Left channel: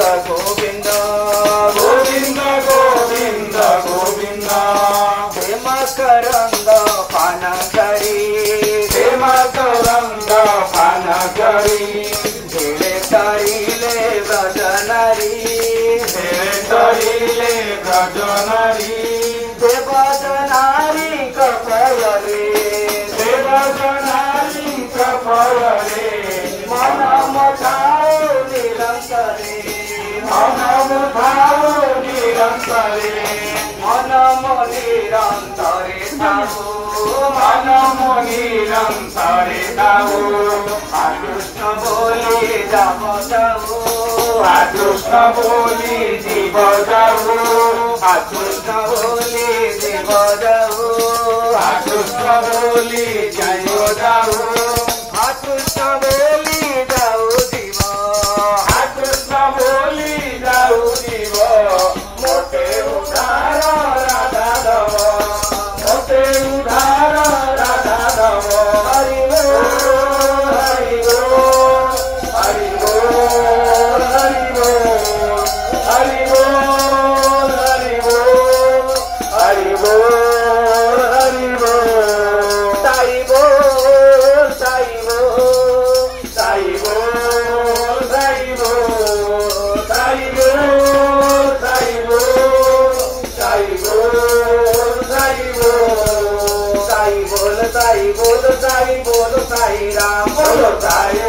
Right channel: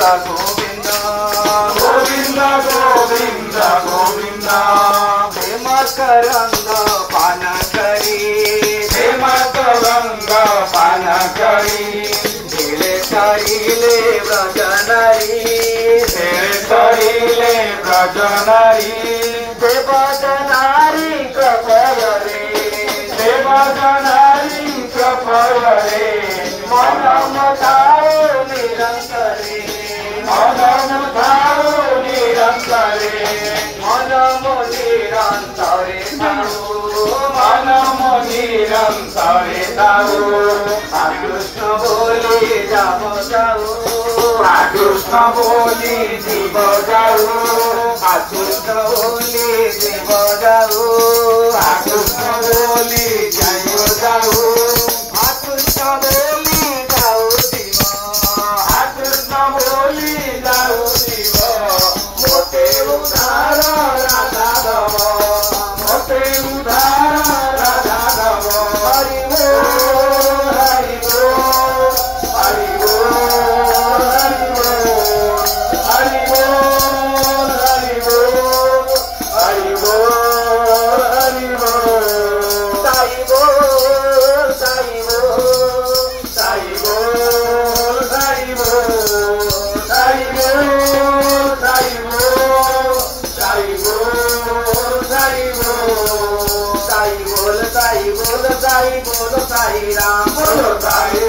गोविंद गोविंद गोविंद गोविंद हे मकरंद पानकरी हे मकरंद पानकरी ढेले करिले व्रजनरी ढेले करिले व्रजनरी देवदनारी कपलरे देवदनारी कपलरे मनमताओ निरंतरे मनमताओ निरंतरे मनम निरंतरे ताओ मनम निरंतरे ताओ कृष्ण बोली राम जाओ कृष्ण बोली जीव जाओ कृष्ण बोली जीव जाओ कृष्ण बोली जय जाओ कृष्ण बोली जाओ जीव कृष्ण बोली जाओ जीव मोटे उधार राधा रव मोटे उधार राधा रव हरि बोल हरि बोल हरि बोल हरि बोल हरि बोल हरि बोल हरि बोल साई बोल साई बोल साई बोल साई बोल साई बोल साई बोल साई बोल साई बोल साई बोल साई बोल साई बोल साई राम बोलो साई